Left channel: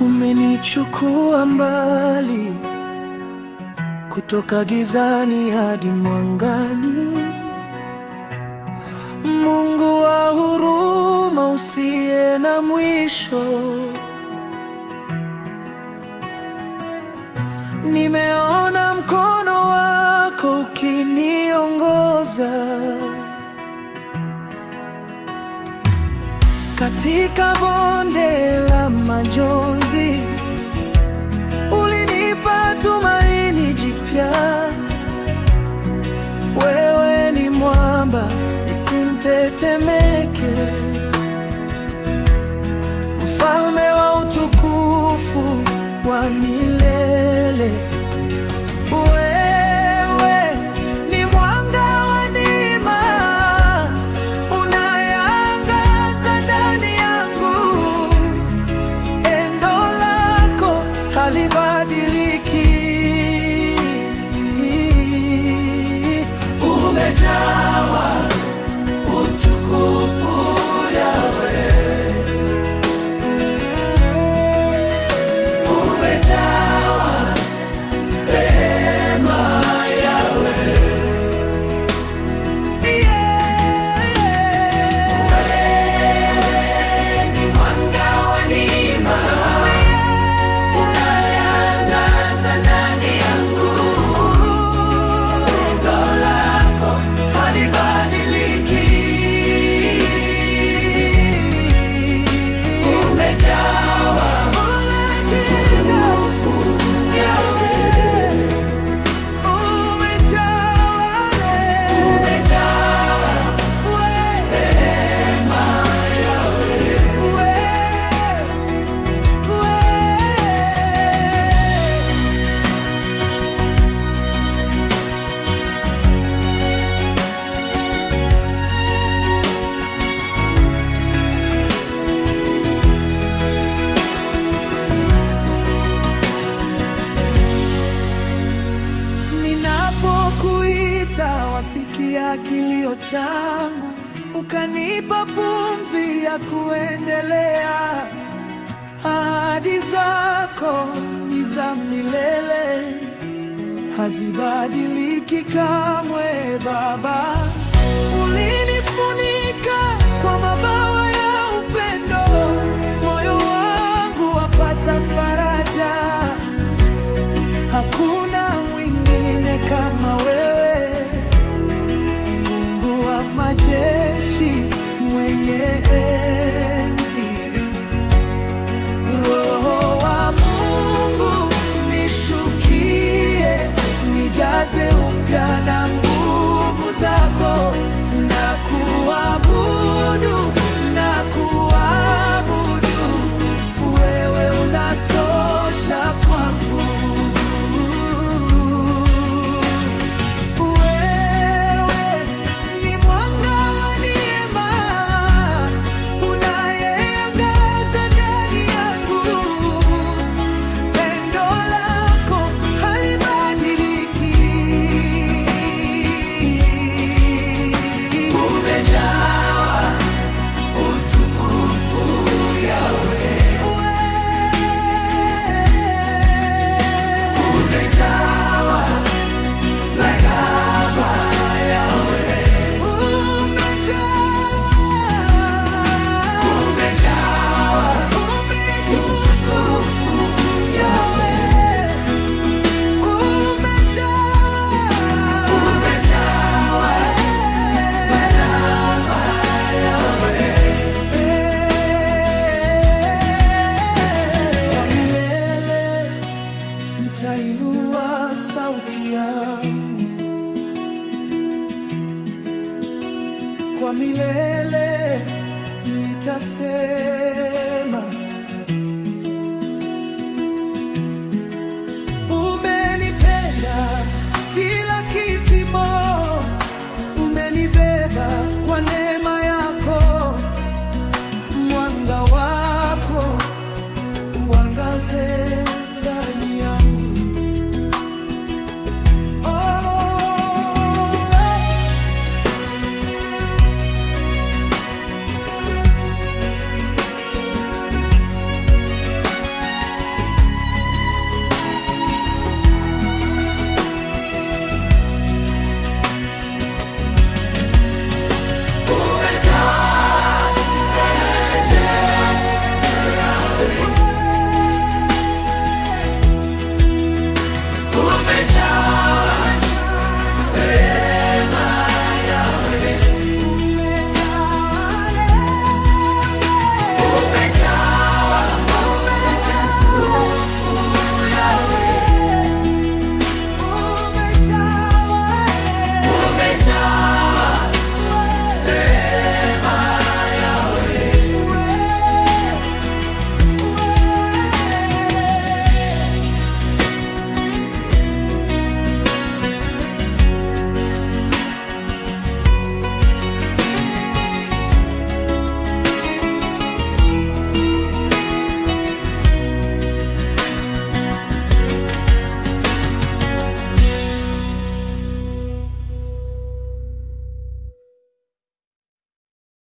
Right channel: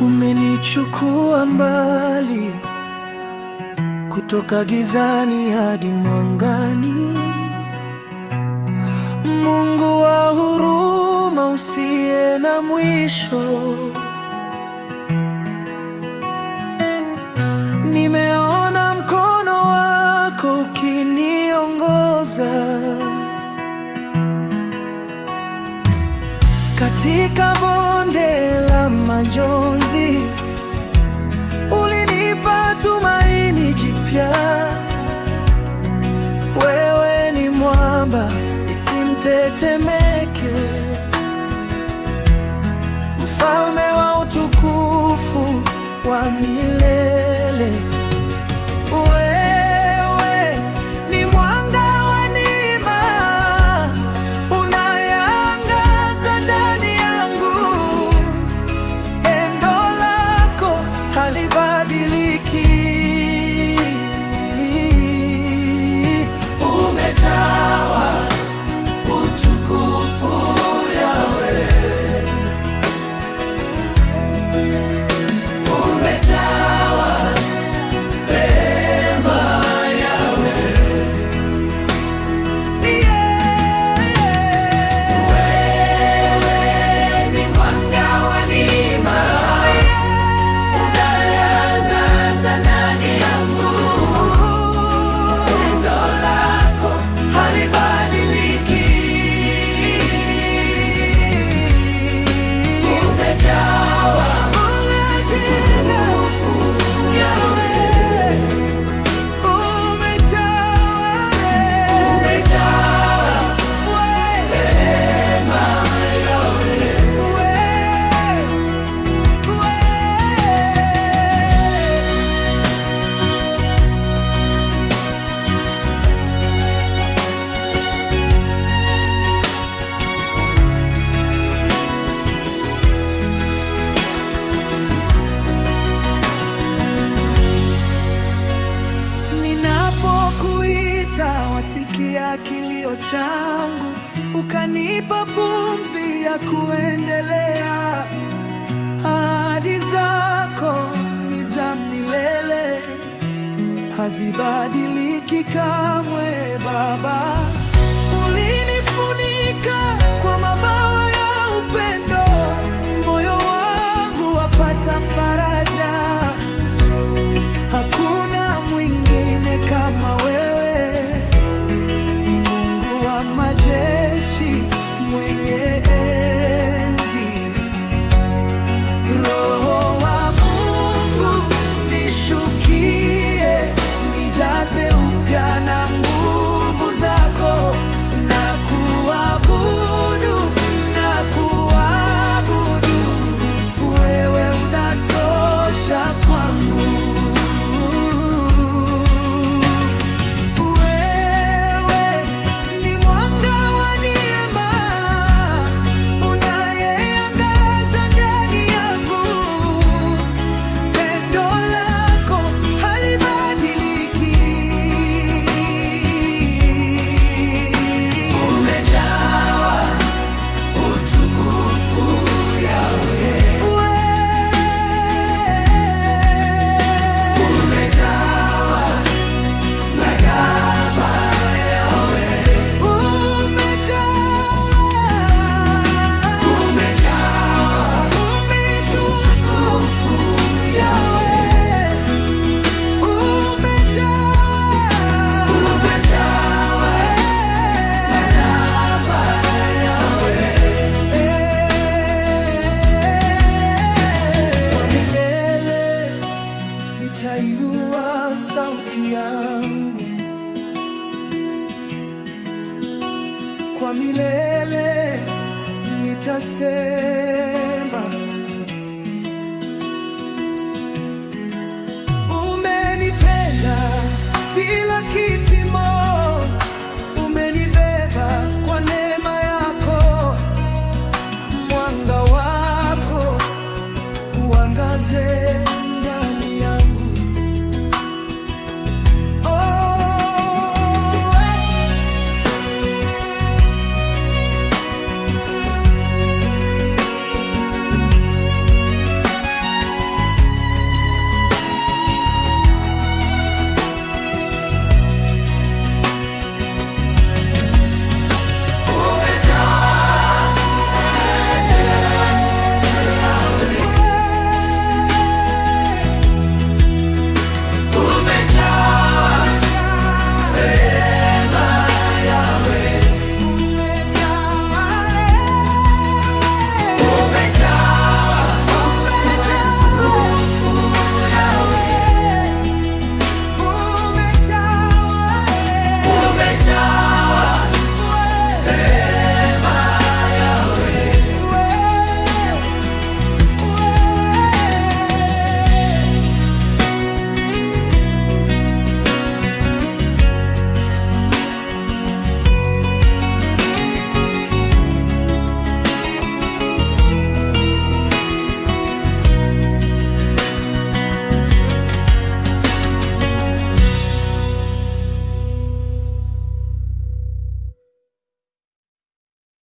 Umenichukua mbali, kutoka gizani hadi mwangani. Mungu wa huruma usiye na mwisho, nimeona mkono wako ukiniongoza katika bonde la majonzi. Ulinipa tumaini jipya. Wewe ni mwamba nisimtetemeke, mfalme wa utukufu wa milele. Wewe ni mwanga wa neema, unayeangaza ndani yangu. Pendo lako halibadiliki. Umejawa utukufu Yahweh, umejawa rehema Yahweh. Wewe ni mwanga wa neema, unayeangaza ndani yangu. Pendo lako halibadiliki. Umejawa utukufu Yahweh, umejawa rehema Yahweh. Ninapokuita wasikia kilio changu, ukanipa pumzi ya kuendelea. Ahadi zako ni za milele, hazibadiliki kamwe. Baba, ulinifunika kwa mabawa ya upendo, moyo wangu wapata faraja. Hakuna mwingine kama wewe, Mungu wa majeshi, mwenye enzi. Roho wa Mungu nishukie, nijaze upya na nguvu zako. Na kuabudu, na kuabudu, wewe unatosha kwangu. Nitainua sauti yangu kwa milele, nitasema umenipenda bila kipimo, umenibeba kwa neema yako. Mwanga wako uangaze ndani yangu.